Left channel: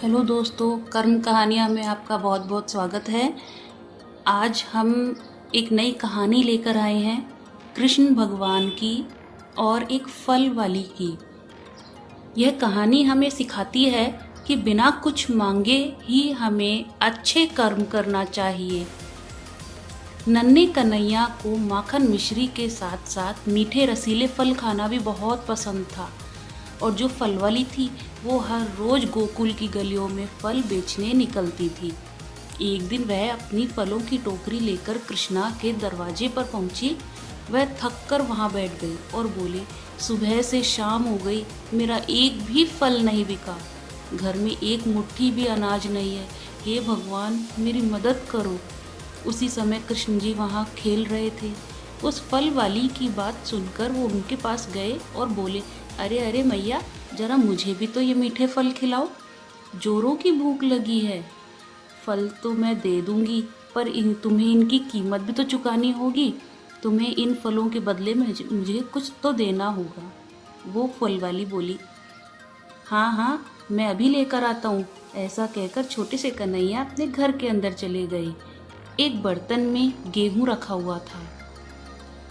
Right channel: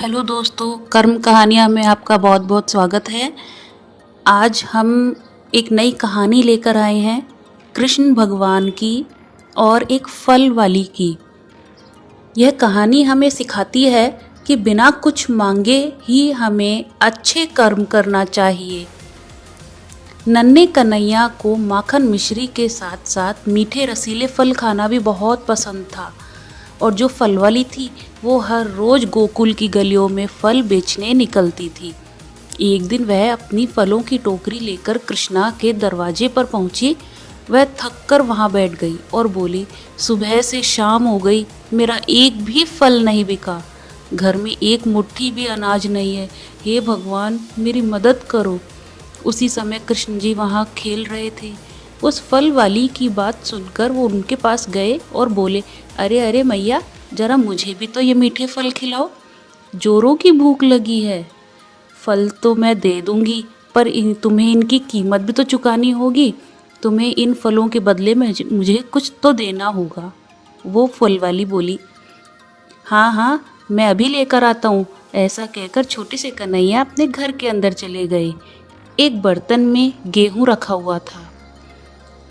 Hello दोस्तों, कर्म कहानियाँ में आपका बहुत बहुत स्वागत है। आज हम एक नई कहानी लेकर आए हैं कृष्ण भगवान की और एक फल वाली की। यह कहानी हमें सिखाती है कि बिना कुछ मांगे ही हमें अच्छे कर्म करना चाहिए। नन्हे कन्हैया को माखन मिश्री के साथ साथ मीठे रसीले फल खाना भी बहुत पसंद था और जो फल वाली थी वो हर रोज गोकुल की गलियों में फल बेचने निकलती थी। एक दिन वह अपनी फलों की टोकरी लेकर कृष्णा के दरवाजे पर पहुंची। वह थक कर वहाँ बैठ गई और बोली, सुबह से शाम हो गई, मेरा एक भी फल नहीं बिका। घर में एक मुट्ठी भी अनाज नहीं है। हे भगवान, मेरी मदद करो। उसी समय कृष्ण जी वहाँ खेल रहे थे। उस फल वाली की बात सुनकर वो उनके पास गए और बोले, अरे अरे मैया, जरा मुझे भी तो ये मीठे फल खिलाओ, जोरों की भूख लगी है। फल तो मैं दे दूंगी, पर तुम्हें इनकी कीमत भी तो चुकानी होगी। तुम्हें इन फलों के बदले में मुझे कुछ तो देना होगा। वो फल वाली बोली, हाँ हाँ, मैं अभी लेकर आता हूँ। ऐसा कहकर छोटे से कन्हैया अपने घर के अंदर चले गए। एक बर्तन में गेहूं रखा हुआ था।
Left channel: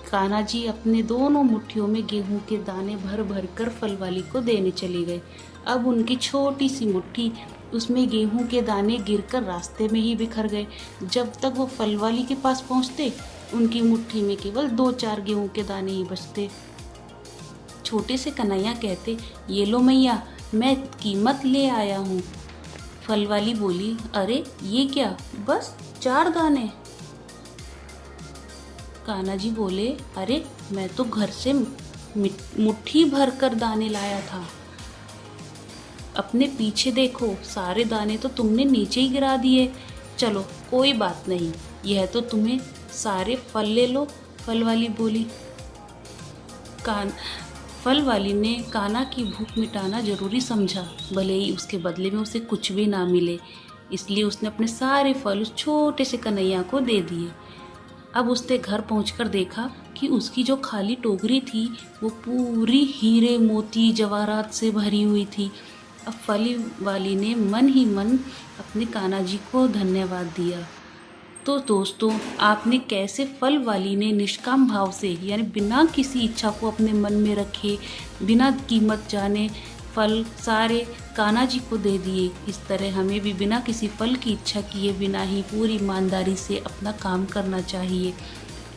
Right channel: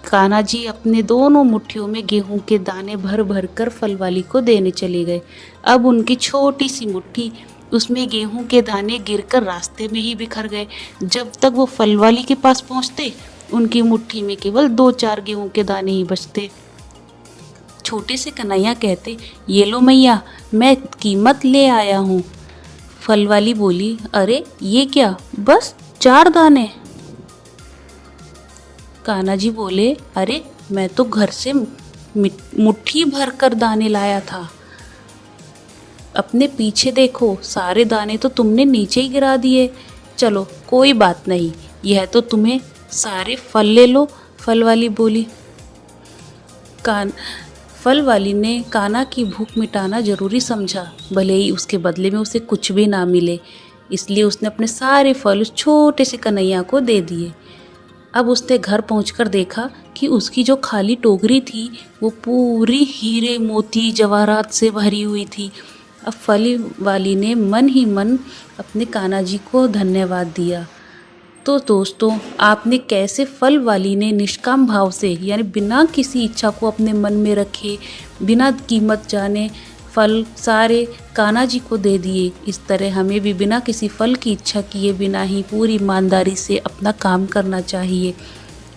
कान्हा जी अपने दोनों मुट्ठियों में गेहूं के दाने भर भर कर फल वाली को देने चले गए। अब उनकी छोटी सी मुट्ठी, उसमें गेहूं के दाने गिरकर रास्ते में ही बिखर गए। जब तक वो फल वाली के पास पहुंचते, उनकी मुट्ठी में केवल 2-4 गेहूं के दाने ही बचते। छोटे से कन्हैया कहते, ये लो मैया, मैं कीमत ले आया हूँ। फल वाली बोली, अरे ये क्या, बस 4 दाने? कान्हा जी बोले, अरे मैं तो घर से मुट्ठी भर कर दाने लाया था। अपने पीछे देखो, सारे दाने तो तुमने नीचे ही गिरा दिए। चलो कोई बात नहीं, यह तो तुम्हें सारे फल ले लो। फल वाली बोली। फल वाली ने कान्हा की भूख मिटाना जरूरी समझा, भले ही उसके बदले में उसे कुछ भी ना मिले। इसलिए उसने अपने सारे फल उस छोटे से कन्हैया को दे दिए। अब उसने घर पहुंचकर देखा कि उसकी जो खाली टोकरी थी वो पूरी हीरे मोती जवाहरात से भरी हुई थी। अब फल वाली ने मन ही मन अपने कान्हा जी को धन्यवाद दिया। तो दोस्तों, आपने कैसे फल वाली ने निष्काम भाव से, यानी बिना किसी इच्छा को अपने मन में रखे, बिना कीमत जाने फल सारे कान्हा जी को दे दिए। इस तरह हमें भी बिना किसी फल की इच्छा किए बिना ही पूरी ईमानदारी से अपना काम करना चाहिए,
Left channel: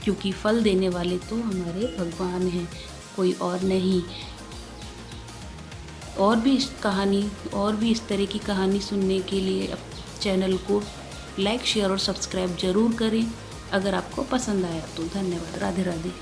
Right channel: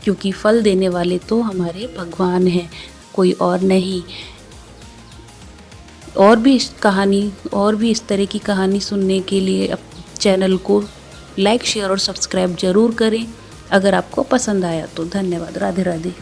क्योंकि फल देने वाले तो हमारे भगवान हैं, कोई और नहीं। और भी इस तरह की कहानी सुनने के लिए चैनल को लाइक, शेयर और सब्सक्राइब ज़रूर करें। अगर आपको पसंद आया तो धन्यवाद। राधे राधे।